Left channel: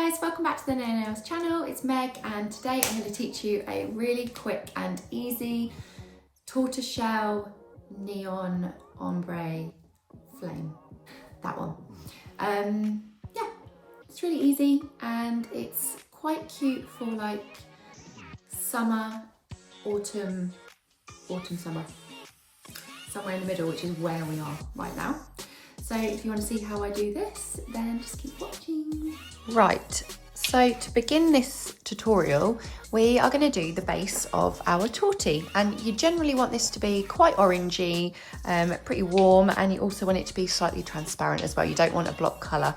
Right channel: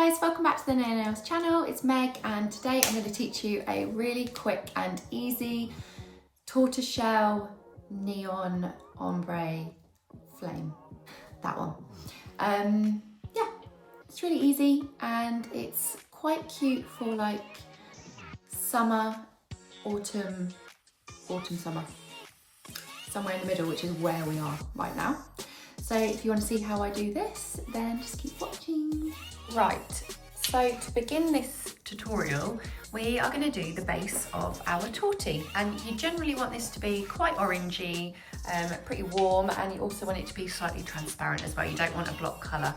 guys, welcome back to the Nail Nails channel. It's Meg and today I'm going to teach you a really quick and easy tortoiseshell neon ombre flame. That one. Yeah, it's really easy and it's quite cute for like summer, autumn, summer. Somewhere in the middle, which is where we are right now. So if you want to see how I do this, then just keep watching. Right, so to begin this tutorial, we are going to do the base of our tortie. And you generally want this to be quite orangey, pretty warm, and you also want it to be slightly transparent as well. You don't want a block colour.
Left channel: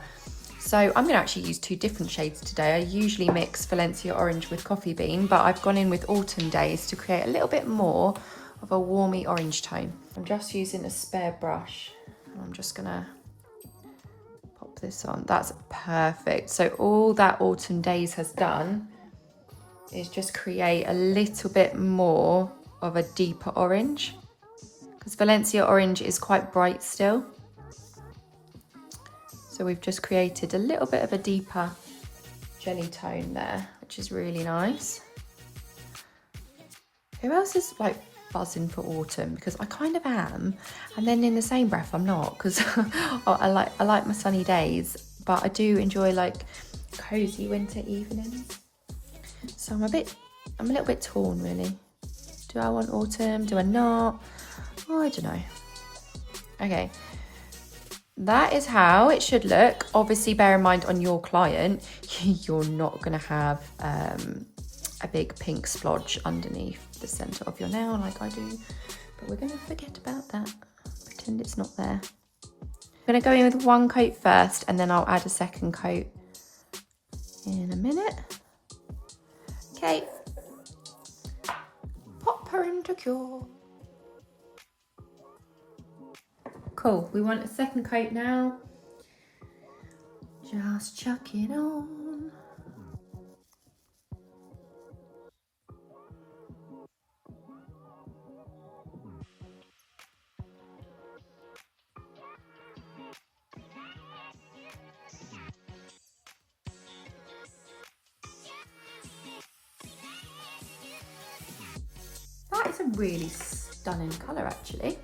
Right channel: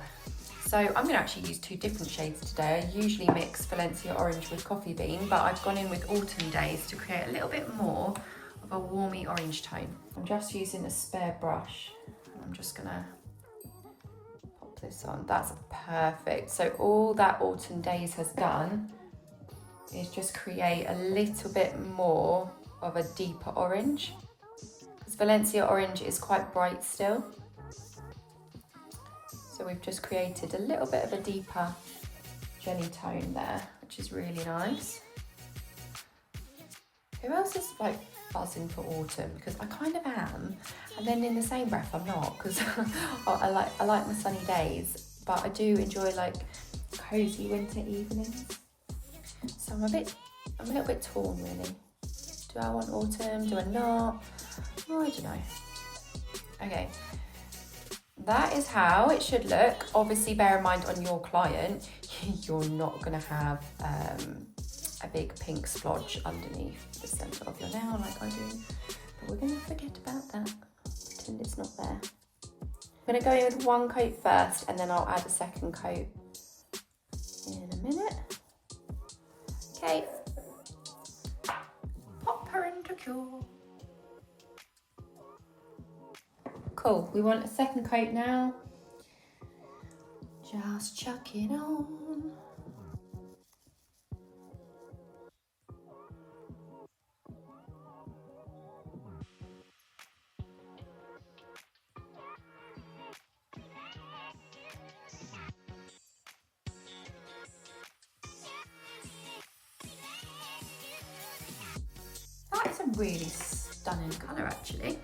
So I'm going to actually use two different shades today. I usually mix Valencia Orange with Coffee Bean, but I've gone in with Autumn Days to create a little bit more of a warmy orange tone. I'm just using a spare brush. I'm just gonna pop this on. That's perfect. So all that Autumn Days has done is just create a little bit more of a deeper orange, because Valencia Orange is quite bright still. So we've just created a little bit of a deeper jelly tone there, which is really nice. Who else is like buzzing for autumn? Because I kind of am, and then in the same breath I'm not, because I like my sunny days, but I do enjoy like cozy winter evenings. So I'm a little bit torn really. Do I want autumn? Do I not? Oh, I don't know. Okay, that is how it should look. Obviously bear in mind on your client, you're not going to have a big pink splodge underneath the centre of your nail like I do, but we're going to forget about that, pretend it's not there. I'm going to go in with one coat first and then I'll add a second coat in a minute. Okay, pop her into cure. Cool, we want a second coat now. Just chuck it on. That's a really stunning colour actually.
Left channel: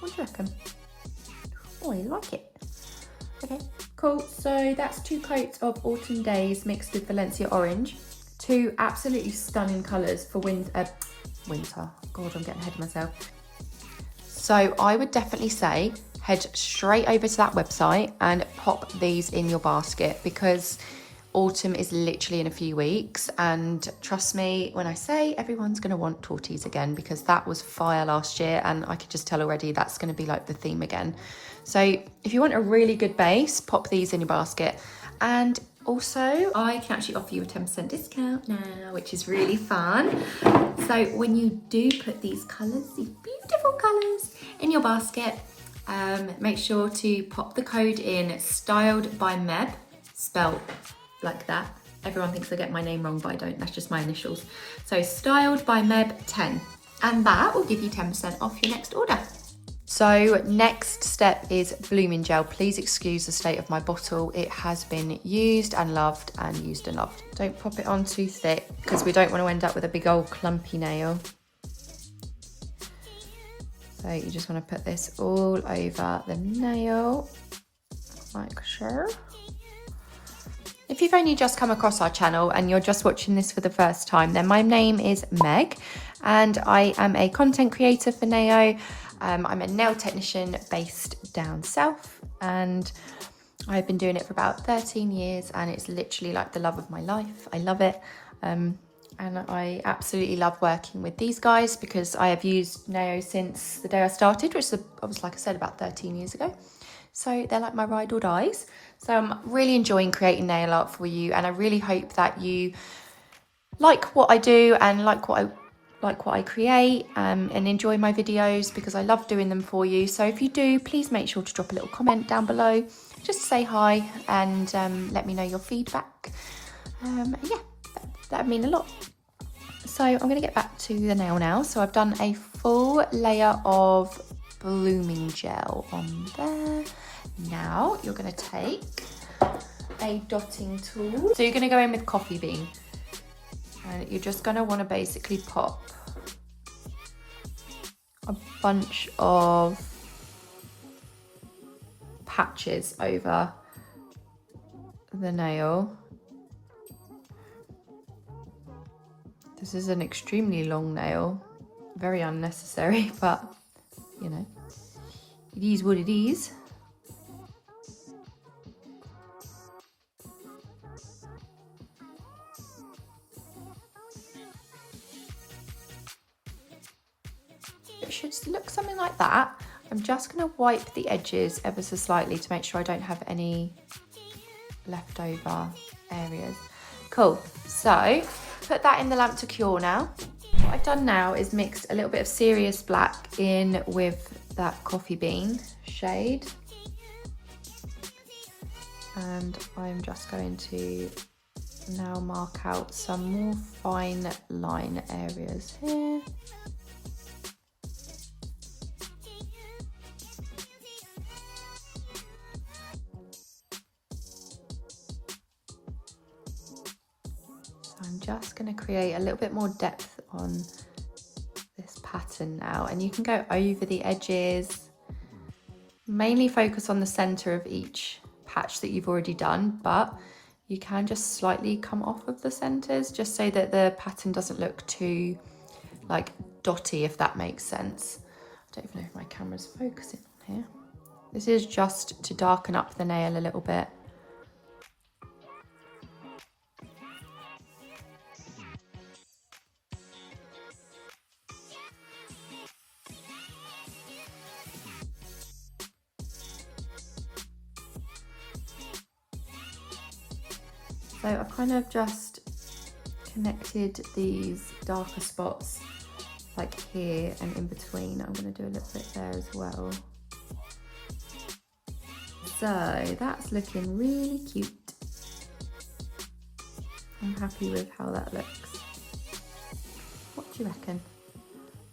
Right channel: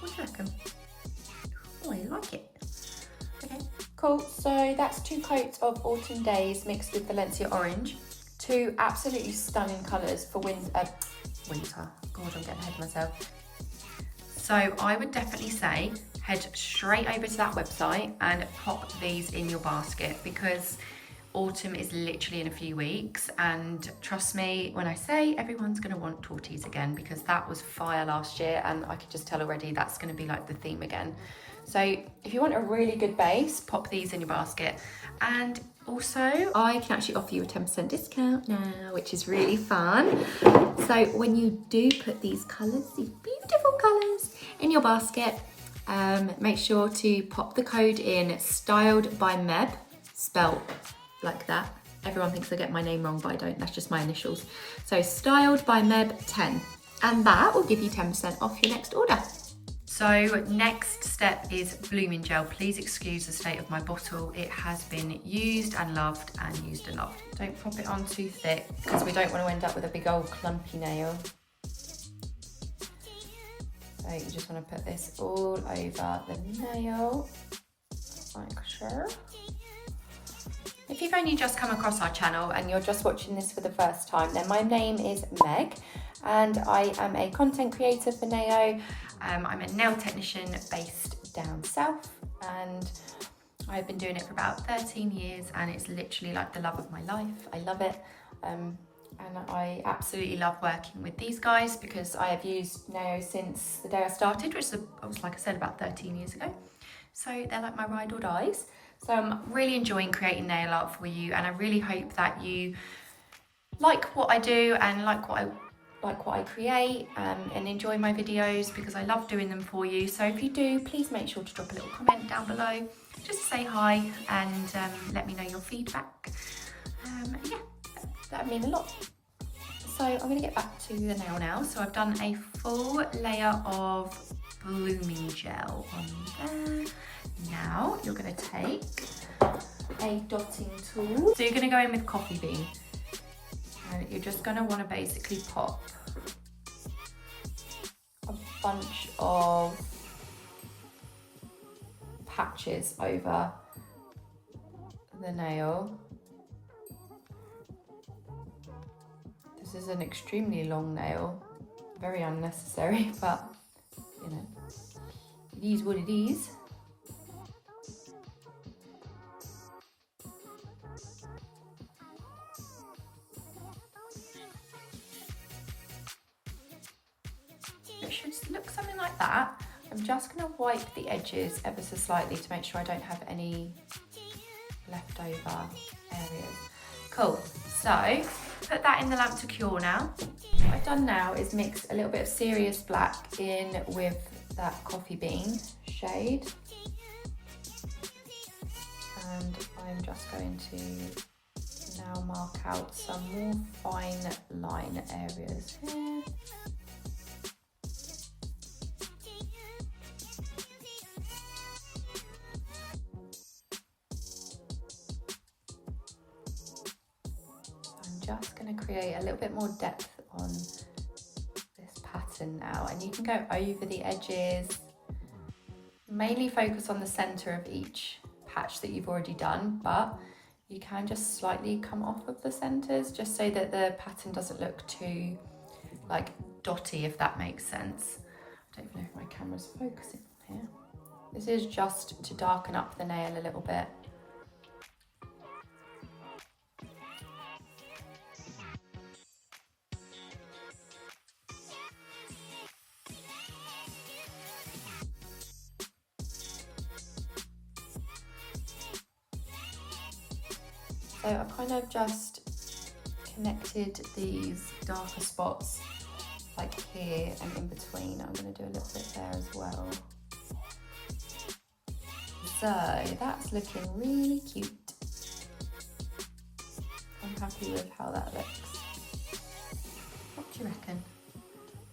What do you reckon? Oh, I like it. Okay, cool. So that's two coats of Autumn Days mixed with Valencia Orange. Two absolutely stunning colours for winter. God, I'm getting ahead of myself. So I would definitely say head straight over to that website and pop these in your basket, because autumn is literally in a few weeks, and trust me when I say everyone's going to want torties again, because that was fire last year and I could just tell already that's going to be like the theme again. So if you want a really good base, pop these in your basket. And also I can actually offer you a 10% discount now, which is really fun. So when you do put these colours, these beautiful colours in your basket, make sure to pop the code in Styled by Meb, spelled like that. Everyone thinks I get my name wrong, but I don't. That's just my initials. So Styled by Meb 10, and that will give you 10% off your next order. So next step is blooming gel. Please excuse the state of my bottle. It has been used and loved and used and loved. Don't pop it on too thick, because we don't want to end up with a big old clumpy nail. So you just want to put this all over the nail, like so. If you've only just come across our channel and you're just watching this for the first time, then my name is Meg and I am a content creator for Nao. I'm a nail technician based down south, and I've been doing it for about 13 years and it's literally like the love of my life. I love it. And I absolutely love working with these guys, because I have used Nao since the day I started, which was, like I said, about 13 years ago. So they're like my ride or dies. So I'm really enjoying creating nail art for you, and I really hope that you like what I do and like what I create, and enjoy my videos, because I love doing them for you. So if you do, please make sure to drop a little comment down below, just to say hi and let me know your feedback. And yeah, that would mean a lot. So I'm going to get back to the nail now. So I've done a full layer of blooming gel on there. Now you're going to take a dotting tool. So you're going to go in with coffee bean. And you're just going to want to basically pop a bunch of patches over the nail. This is an extremely long nail, very unnecessary, but you know, it is what it is. It should look something like that. I'm just going to wipe the edges ever so slightly to make sure I don't have any leftover areas. Cool, so put that in the lamp to cure now. What I've done now is mix a little bit of Serious Black in with that coffee bean shade. And I'm just going to now mark out some more fine line areas here. Create a little bit more depth on this pattern now, and you can go over the edges, mainly focus on the center of each patch that you've already done, but you can just slightly come off of the centers just so that the pattern doesn't look too like dotty, if that makes sense. I don't even know if my camera's focusing here. This is just to darken up the nail a little bit. So I've kind of just connected these darker spots like here and in between. I'm going to do a little bit there as well. So that's looking really cute. I'm happy with how that looks. What do you reckon?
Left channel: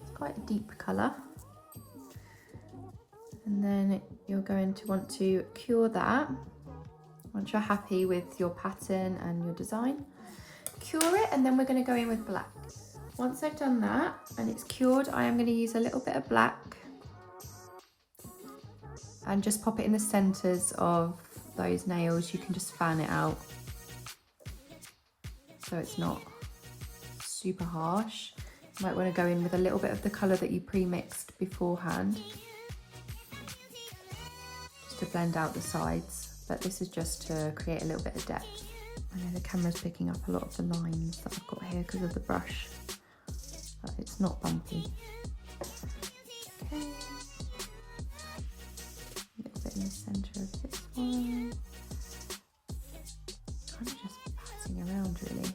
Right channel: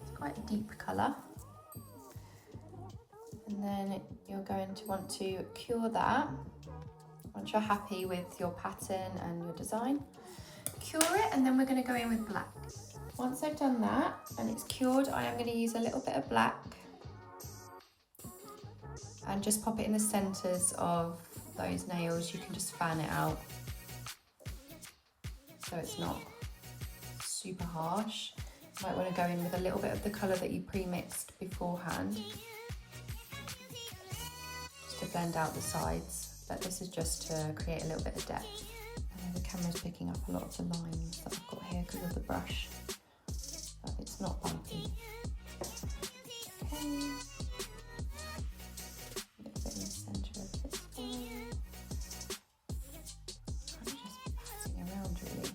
It's quite a deep colour. And then you're going to want to cure that. Once you're happy with your pattern and your design, cure it, and then we're going to go in with black. Once I've done that and it's cured, I am going to use a little bit of black and just pop it in the centres of those nails. You can just fan it out so it's not super harsh. You might want to go in with a little bit of the colour that you pre-mixed beforehand, just to blend out the sides. But this is just to create a little bit of depth. I know the camera's picking up a lot of the lines that I've got here because of the brush, but it's not bumpy. Okay. A little bit in the centre of this one. I'm just passing around really.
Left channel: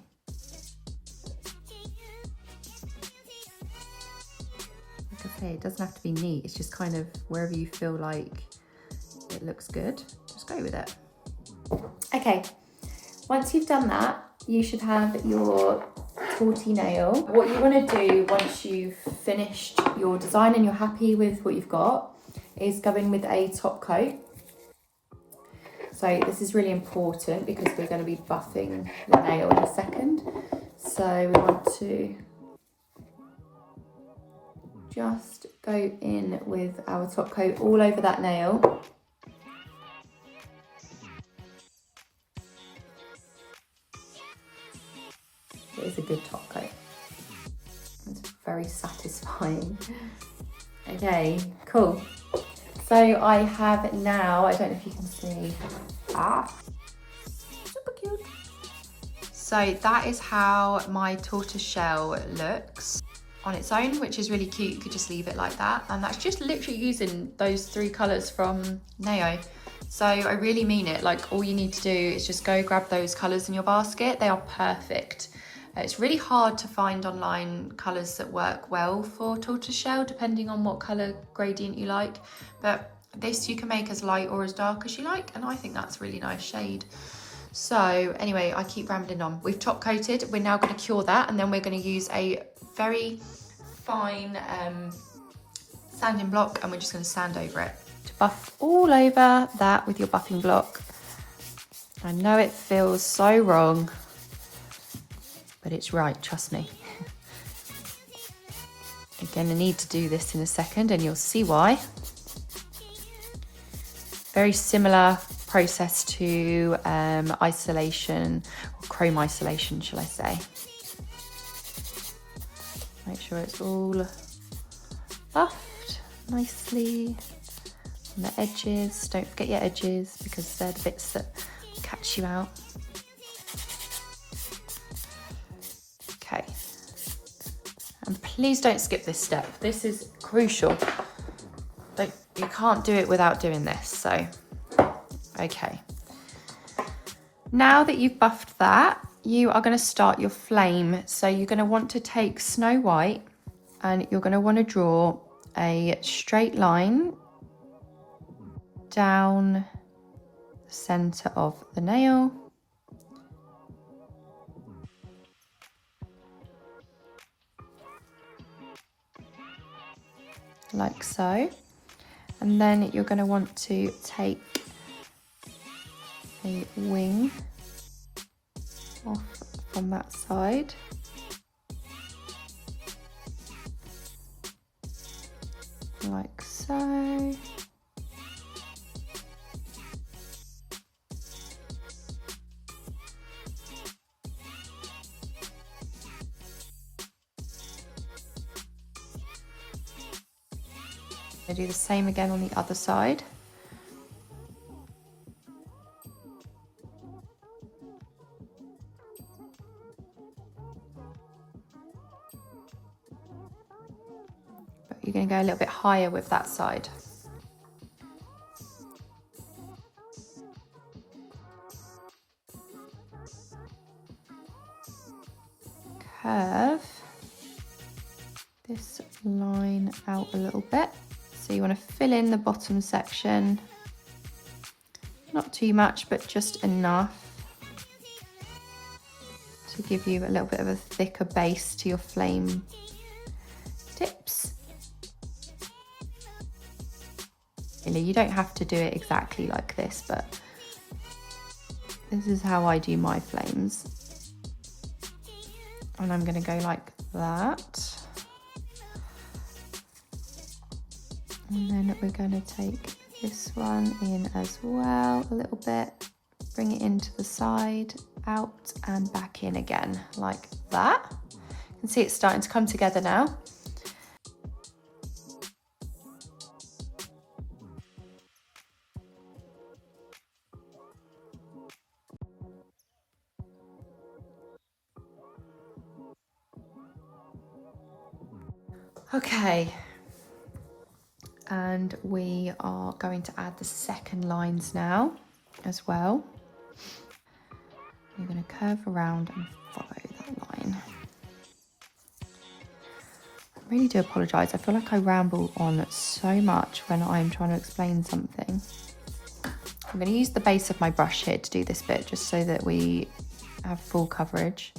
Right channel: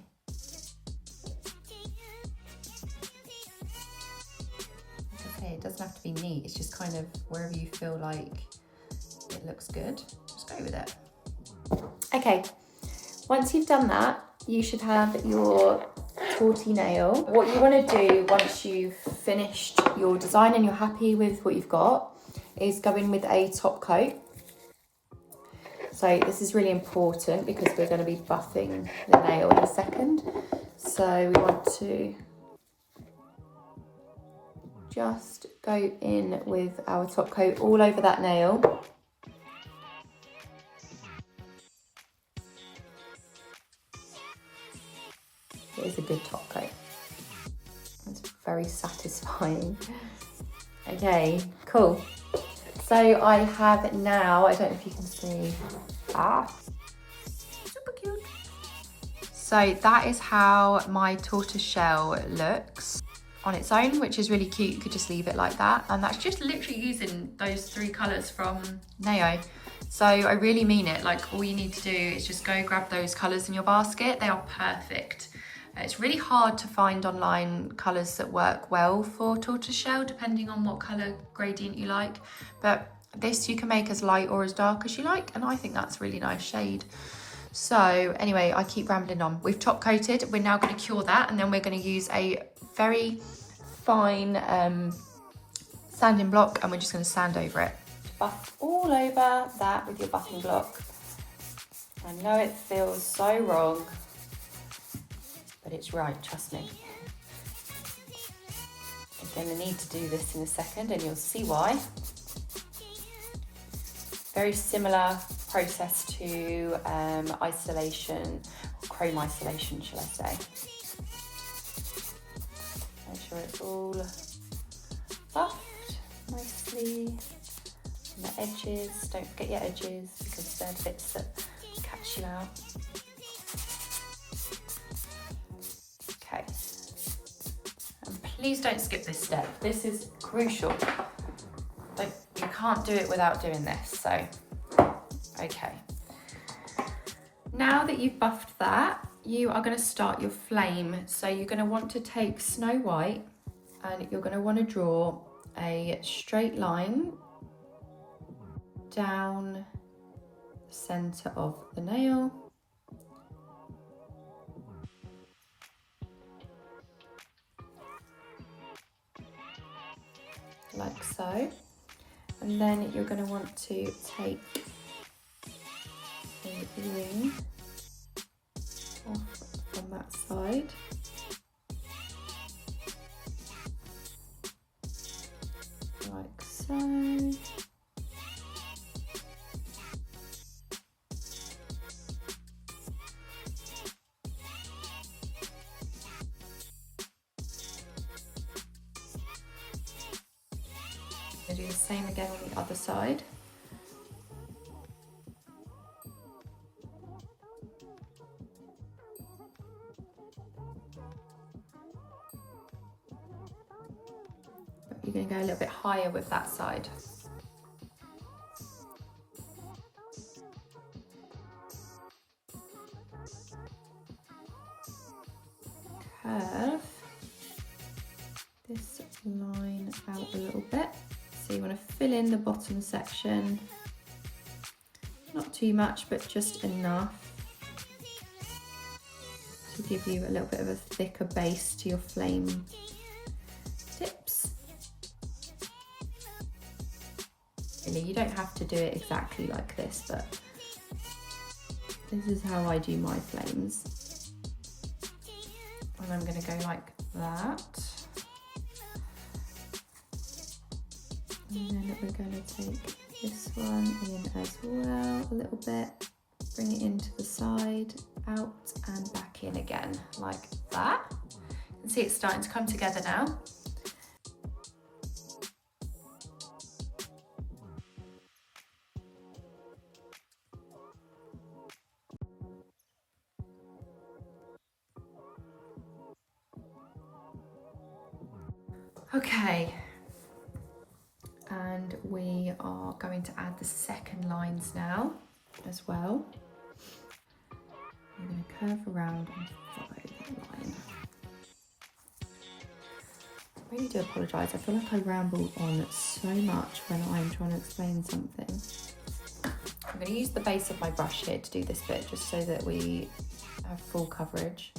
Like I say, it doesn't have to be neat, it's just kind of wherever you feel like it looks good. Go with it. Okay, once you've done that, you should have your torty nail. What you want to do once you've finished your design and you're happy with what you've got is go in with a top coat. So this is really important because we're going to be buffing the nail in a second. So we want to just go in with our top coat all over that nail. It is a good top coat. It's very satisfying. Okay, cool. So I have now, I don't know if you can see, super cute. So that is how my tortoise shell looks on its own, which is really cute. You could just leave it like that. And that's just literally using those 3 colours from Nao. So I really mean it. Like, all you need to do is just go grab those colours in your basket. They are perfect. It's really hard to find online colours that work well for tortoiseshell, depending on what colour gradient you like. But this you can make as light or as dark as you like, and I think that's a really nice shade. So anyway, I keep rambling on. We've top coated, we're now going to cure that, and then we're going to use a very fine sanding block, and we're just going to sand over it. To buff all over that with your buffing block. I know it feels so wrong, but it's right, trust me. You're going to need to do this in a second and you'll see why. Very similar process to isolation, chrome isolation, shall I say. Make sure it's all buffed nicely. And the edges, don't forget your edges because they're the bits that catch you out. Okay. And please don't skip this step. This is crucial. You can't do it without doing this, so, okay. Now that you've buffed that, you are going to start your flame. So you're going to want to take Snow White and you're going to want to draw a straight line down the center of the nail. Like so. And then you're going to want to take a wing off from that side. Like so. I do the same again on the other side. But you're going to go a little bit higher with that side. Curve this line out a little bit. So you want to fill in the bottom section, not too much, but just enough to give you a little bit of a thicker base to your flame tips. You don't have to do it exactly like this, but this is how I do my flames. And I'm going to go like that. And then we're going to take this one in as well a little bit, bring it into the side, out and back in again, like that. You can see it's starting to come together now. Okay. And we are going to add the second lines now as well. We're going to curve around and follow that line. I really do apologise. I feel like I ramble on so much when I'm trying to explain something. I'm going to use the base of my brush here to do this bit, just so that we have full coverage.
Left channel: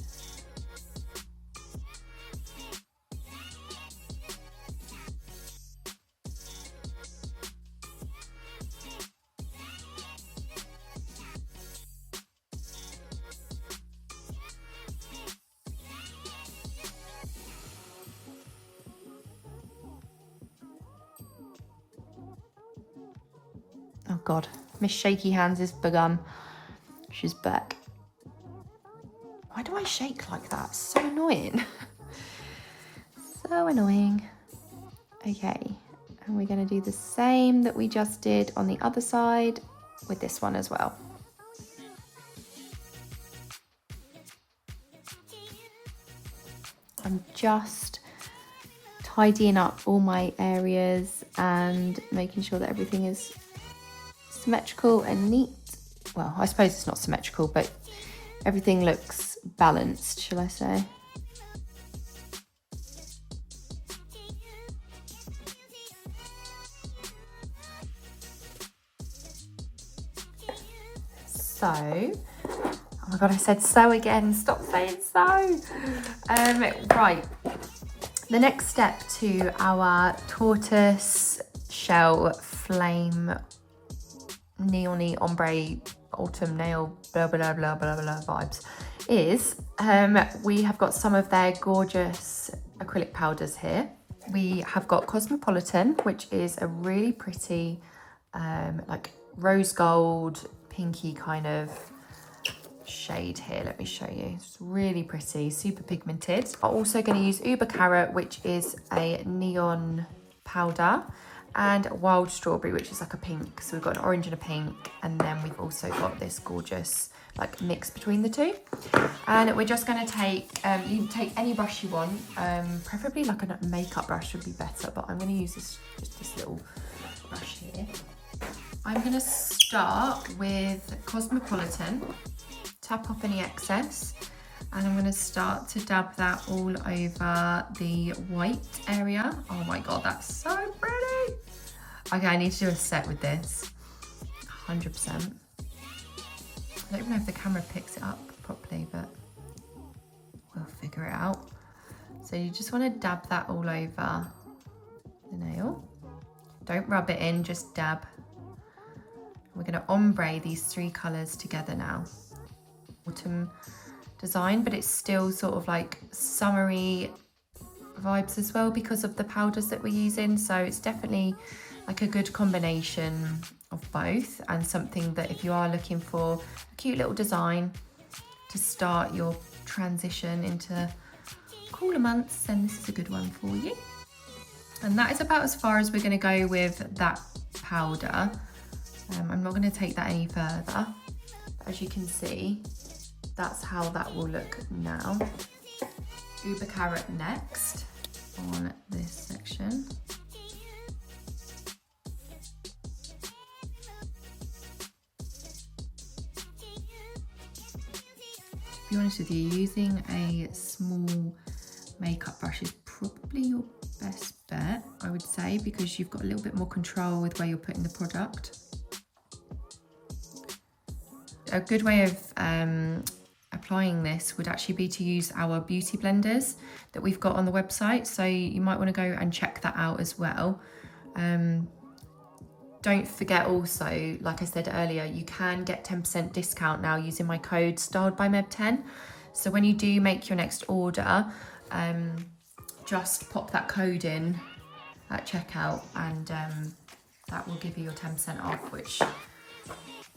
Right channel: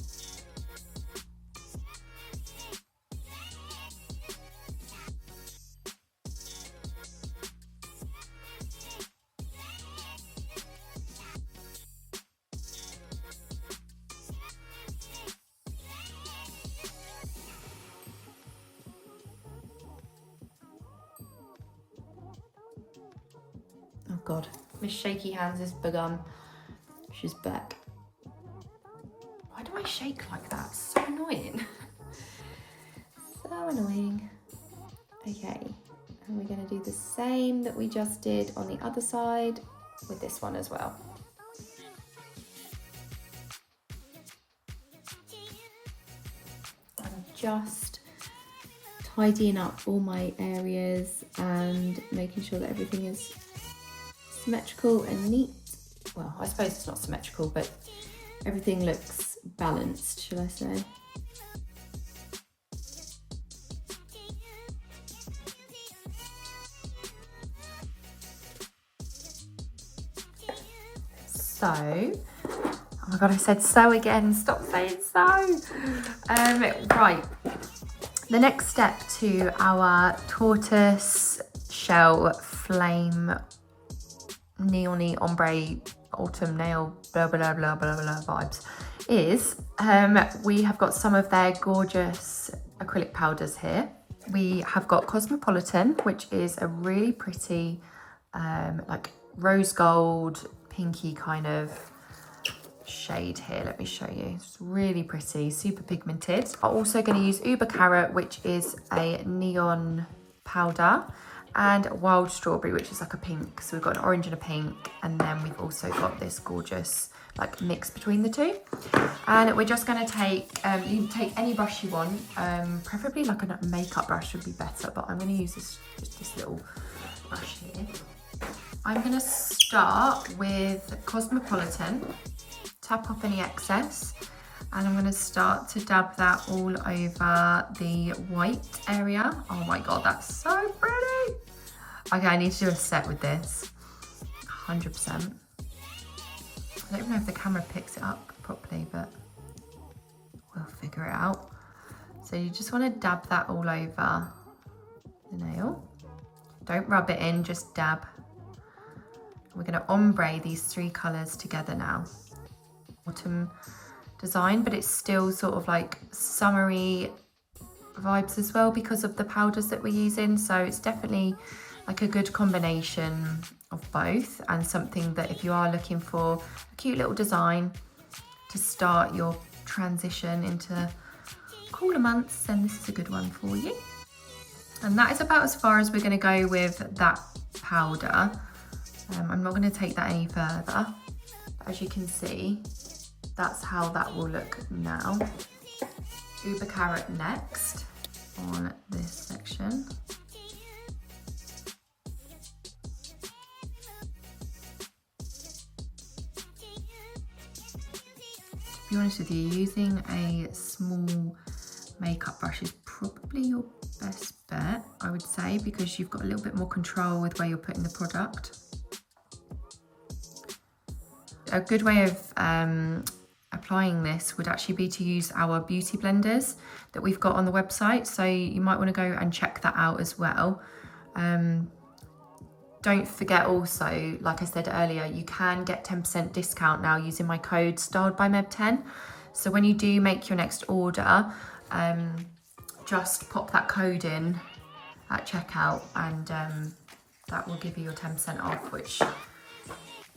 Oh God, Miss Shaky Hands is begun. She's back. Why do I shake like that? So annoying. So annoying. Okay, and we're going to do the same that we just did on the other side with this one as well. I'm just tidying up all my areas and making sure that everything is symmetrical and neat. Well, I suppose it's not symmetrical, but everything looks balanced, shall I say. So, oh my God, I said so again. Stop saying so. Right. The next step to our tortoise shell flame neon-y ombre autumn nail blah blah blah blah blah vibes is we have got some of their gorgeous acrylic powders here. We have got Cosmopolitan, which is a really pretty like rose gold pinky kind of shade here. Let me show you. It's really pretty, super pigmented. I'm also going to use Uber Carrot, which is a neon powder, and Wild Strawberry, which is like a pink. So we've got an orange and a pink, and then we've also got this gorgeous like mix between the two. And we're just going to take you can take any brush you want, preferably like a makeup brush would be better, but I'm going to use this just this little brush here. I'm going to start with Cosmopolitan, tap off any excess, and I'm going to start to dab that all over the white area. Oh my god, that's so pretty. Okay, I need to do a set with this, 100%. I don't even know if the camera picks it up properly, but we'll figure it out. So you just want to dab that all over the nail. Don't rub it in, just dab. We're going to ombre these three colours together now. Autumn design, but it's still sort of like summery vibes as well because of the powders that we're using. So it's definitely like a good combination of both, and something that if you are looking for a cute little design to start your transition into cooler months, then this is a good one for you. And that is about as far as we're going to go with that powder. I'm not going to take that any further. As you can see, that's how that will look now. Uber Carrot next on this section. To be honest with you, using a small makeup brush is probably your best bet, I would say, because you've got a little bit more control with where you're putting the product. A good way of applying this would actually be to use our beauty blenders that we've got on the website, so you might want to go and check that out as well. Don't forget also, like I said earlier, you can get 10% discount now using my code StyledByMeb10. So when you do make your next order, just pop that code in at checkout, and that will give you your 10% off, which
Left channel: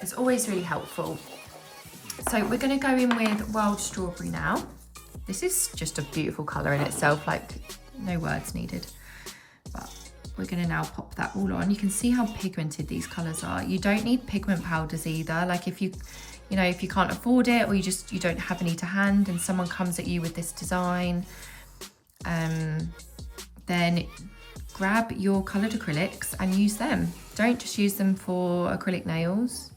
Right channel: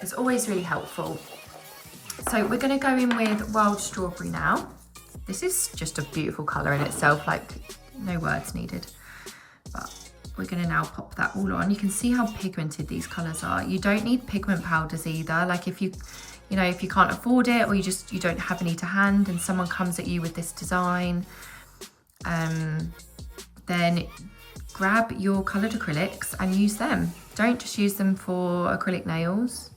is always really helpful. So we're going to go in with Wild Strawberry now. This is just a beautiful colour in itself, like no words needed. But we're going to now pop that all on. You can see how pigmented these colours are. You don't need pigment powders either. Like if you can't afford it, or you don't have any to hand, and someone comes at you with this design, then grab your coloured acrylics and use them. Don't just use them for acrylic nails.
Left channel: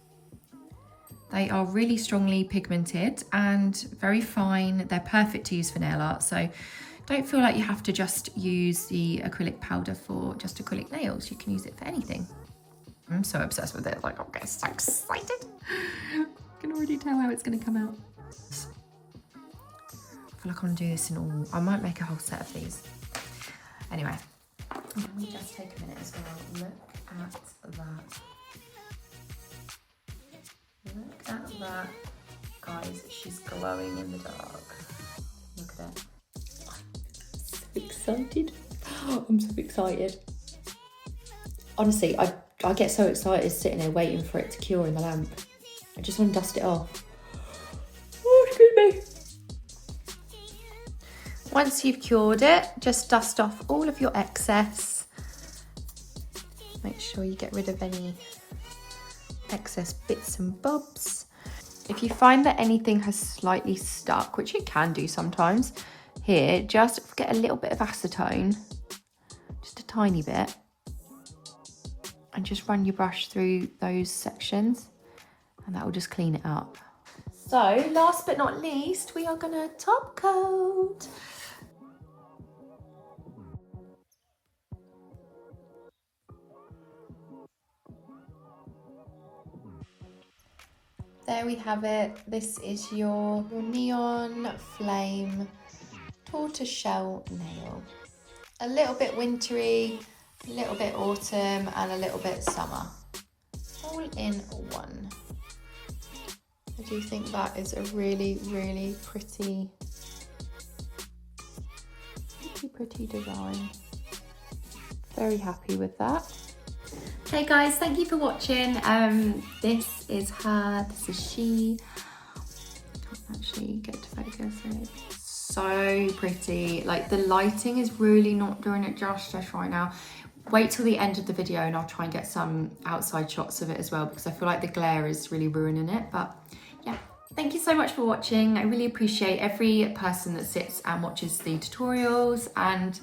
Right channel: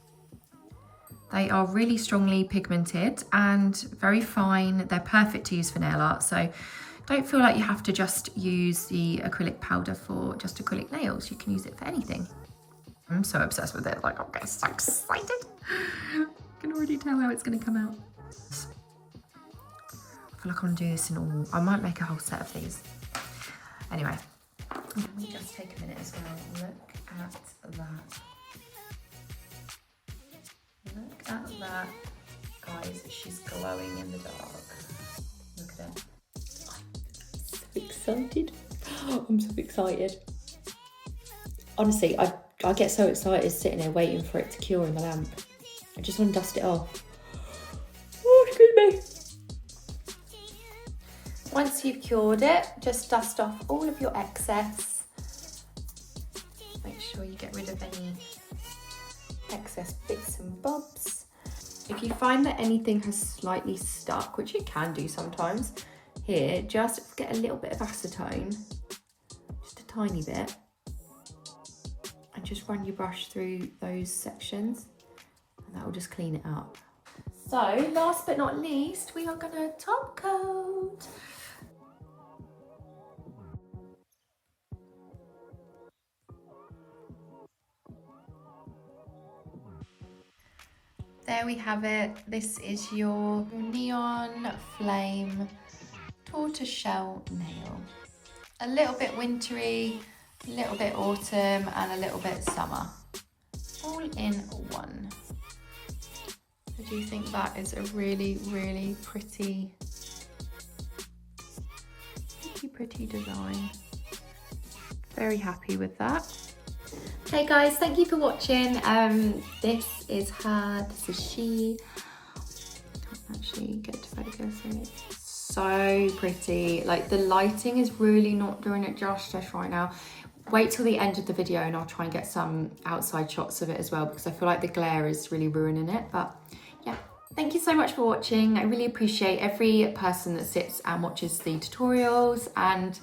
They are really strongly pigmented and very fine. They're perfect to use for nail art. So don't feel like you have to just use the acrylic powder for just acrylic nails. You can use it for anything. I'm so obsessed with it. Like, I'm getting so excited. I can already tell how it's going to come out. I feel like I want to do this in all. I might make a whole set of these. Anyway, let me just take a minute as well. Look at that. Look at that. Guys, she's glowing in the dark. Look at it. I'm so excited. I'm so excited. Honestly, I get so excited sitting there waiting for it to cure in the lamp. I just want to dust it off. Oh, excuse me. Once you've cured it, just dust off all of your excess. Make sure you get rid of any excess bits and bobs. If you find that anything has slightly stuck, which it can do sometimes, here, just get a little bit of acetone, just a tiny bit, and just run your brush through those sections, and that will just clean it up. So last but not least, we are gonna top coat. There we have it. This is your neon flame tortoiseshell nail. A little bit wintry, a little bit autumn, and a little bit summer. all in one. I do think that is a really, really pretty design. Very happy with that. Okay guys, thank you for watching. This is her, this is she. Can't actually get to focus. It's so pretty. Like the lighting is really not doing it justice right now. Wait till the end of the video and I'll try and get some outside shots of it as well, because I feel like the glare is really ruining it. But yeah, thank you so much for watching. I really appreciate every person that sits and watches the tutorials, and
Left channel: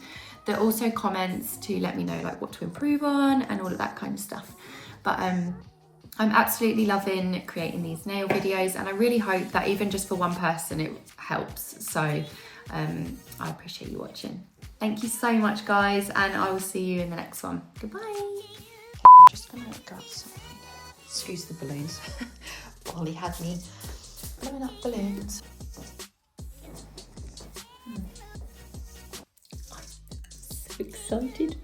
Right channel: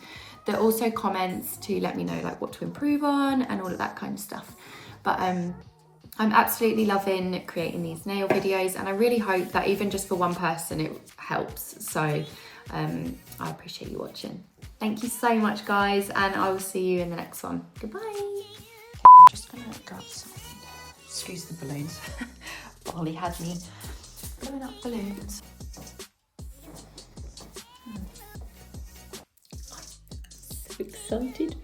there are also comments to let me know like what to improve on and all of that kind of stuff. But I'm absolutely loving creating these nail videos, and I really hope that even just for one person it helps. So I appreciate you watching. Thank you so much guys, and I will see you in the next one. Goodbye. Just gonna grab some, excuse the balloons. Ollie had me blowing up balloons. I'm so excited.